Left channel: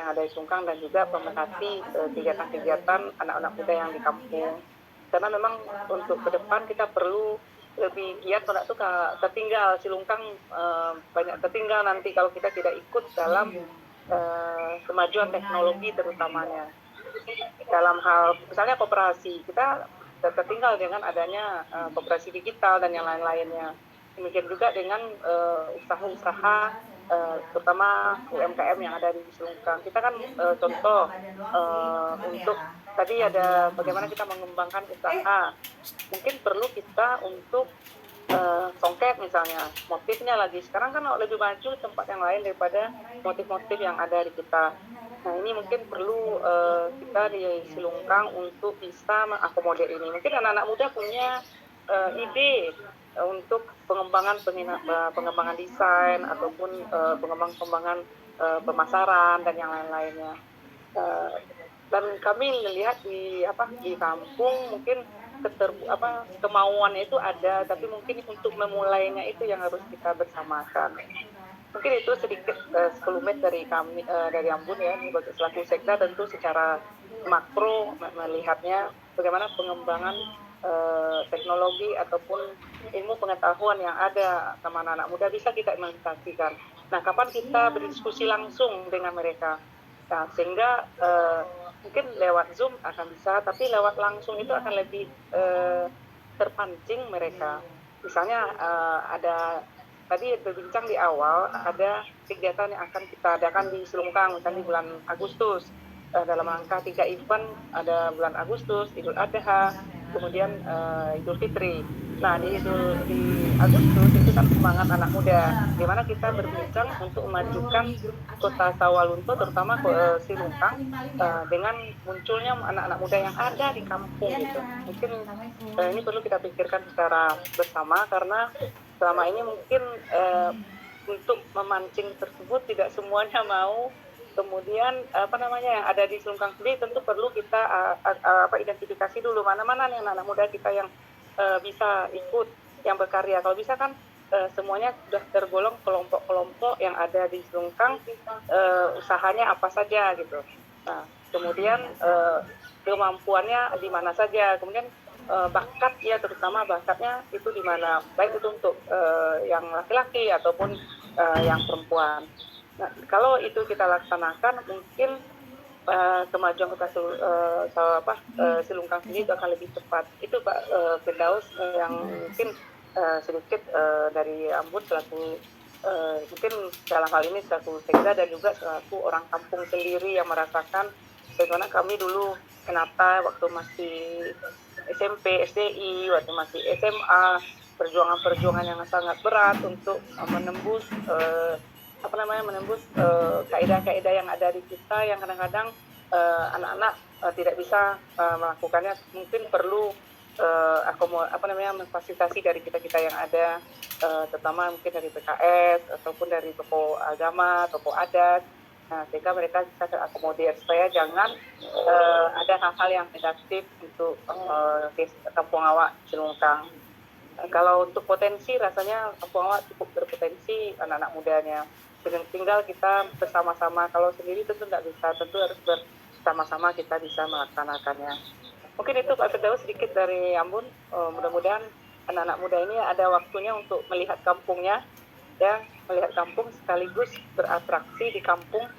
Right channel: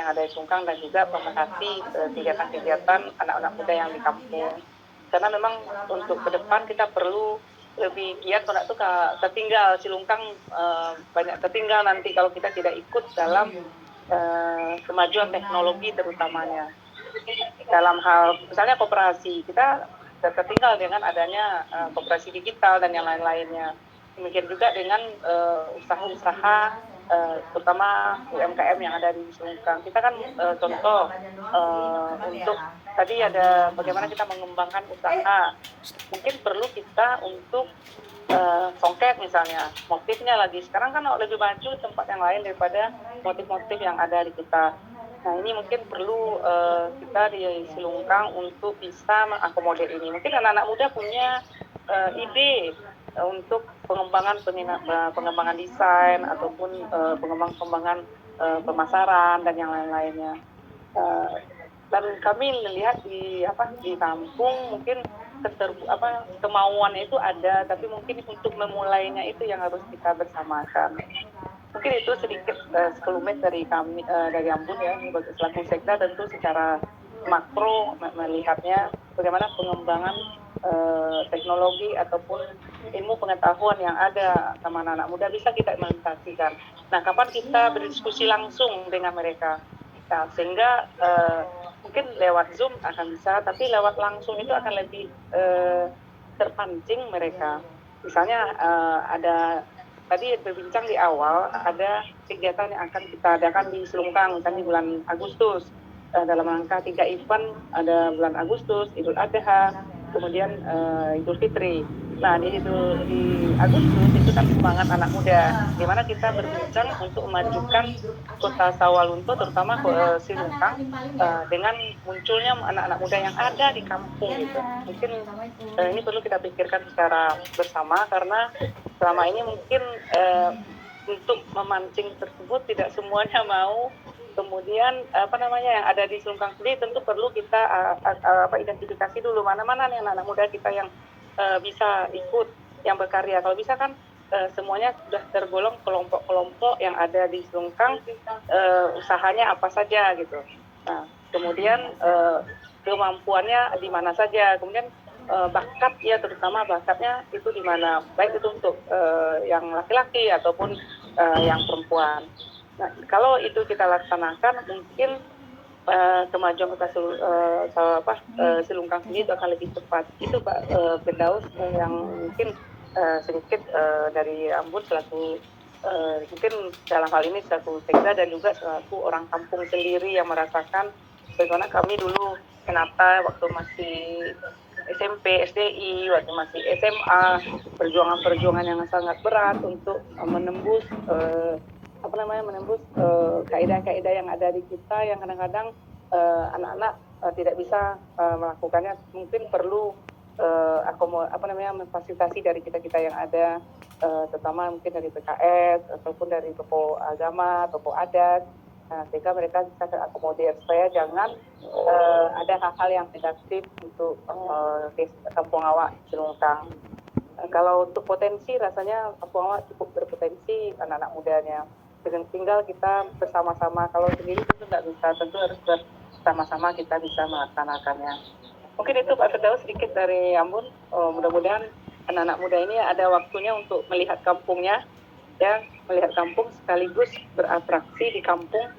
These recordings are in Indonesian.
yang ada di Sungkang dan juga pemerhati kegiatan-kegiatan anak-anak muda yang di kampung. Karena memang untuk ke depan kita perlu lebih giat kalau tuh tertinggal Silungkang banyak tertinggal nanti kalau kita tidak ikut dalam kemajuan teknologi terutamanya. Dalam hal misalnya koperasi, kita tertinggal dengan adanya koperasi digital dan yang lain-lainnya. Demikian juga dengan usaha-usaha terutama UMKM yang ada di Selungkang. Kita kan contoh untuk tadi ada bagaimana kita mengembangkan usaha. Mungkin perlu kita untuk songket misalnya, motifnya lagi sekarang kan lebih maju tempat yang lain daripada motif-motif yang ada di kita. Nah ini mungkin perlu kita di Silungkang untuk bisa mengakomodir ini. Mungkin anak-anak muda punya ide untuk pengembangan desain ataupun pengembangan pemasaran dan yang lain-lainnya. Dan kami melihat di kampung mungkin kemauan itu ada, tapi mungkin untuk memulainya itu yang harus kita bersamakan. Mungkin itu sedikit sekelumit dari kami dari Ambon ya, ini selaku sekda tentu secara makro melihatnya bagaimana pengembangan teknologi ataupun ilmu pengetahuan yang ada sama anak-anak muda bisa kita implementasikan. Nah, kapan kita berdiskusi langsung dengan mereka? Nah, sehingga mungkin lewat Zoom akan bisa, tapi lewat langsung itu akan lebih terpancing mereka. Misalnya ada tadi berbincang di awal, ada kegiatan yang akan kita adakan di Selungkang kan di bulan Agustus. Dalam rangka 3 event, ada bulan Agustus, Idul Adha, kemudian Idul Fitri. Nah, di Agustus itu kan semangat anak muda. Gimana kita berbincang untuk memajukan Kota Sawalunto, terutama Silungkang, dengan munculnya anak-anak muda yang ada di kampung gitu. Mungkin ini perlu kita pikirkan secara bersama karena selama ini mungkin untuk memancing tersebut tidak semuanya mau. Kemudian yang ada di Selungkang sendiri tentu perlu kita identifikasi dulu mana-mana nih anak-anak muda kita yang bisa ikut, yang berkarya. Kalau bisa kan semuanya sudah tergolong kelompok-kelompok yang ada di Selungkang, usahanya apa saja gitu. Nah, kemudian kemampuannya di mana saja, kemudian bakat ya, terutama bakatnya itu di mana, baik itu untuk yang laki-laki ataupun yang perempuan. Nah, kalau itu kita laksanakan mungkin kemajuan Kota Silungkang sendiri itu akan lebih cepat. Itu Pak Firdaus yang mungkin sedikit dari Ambon selaku mungkin dalam hal ini selaku sekda dan juga selaku orang kampung sendiri yang merasakan bagaimana kami dulu kenapa waktu masih SMP, SDI, waktu masih SMA, perjuangan-perjuangan yang sangat berat untuk menembus kaidah-kaidah yang ada di kita yang kadang-kadang anak-anak tidak bisa melakukannya. Mungkin perlu memfasilitasi dari kita yang ada, terutama mungkin dari PKS ataupun dari tokoh agama, tokoh adat, sehingga mereka bisa terakomodir supaya jangan ada hal-hal yang negatif untuk kampung awak Cilungkang. Kalau untuk potensi, rasanya kampung awak cukup berpotensi anak-anak mudanya. Tinggal kita bersama-sama, kalau sendiri itu nggak bisa, tentu harus bersama-sama kita bisa melaksanakannya. Mungkin itu Pak Firdaus sedikit dari Ambon. Mudah-mudahan anak-anak muda ini ada waktunya untuk melihat kampungnya, ya, melihat kampung sekaligus beratraksi di kampung,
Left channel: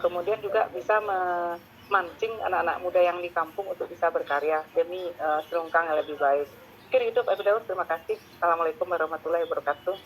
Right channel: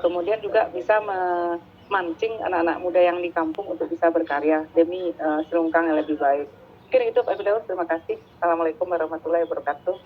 kemudian juga bisa memancing anak-anak muda yang di kampung untuk bisa berkarya demi Selungkang yang lebih baik. Mungkin itu Pak Firdaus, terima kasih. Assalamualaikum warahmatullahi wabarakatuh.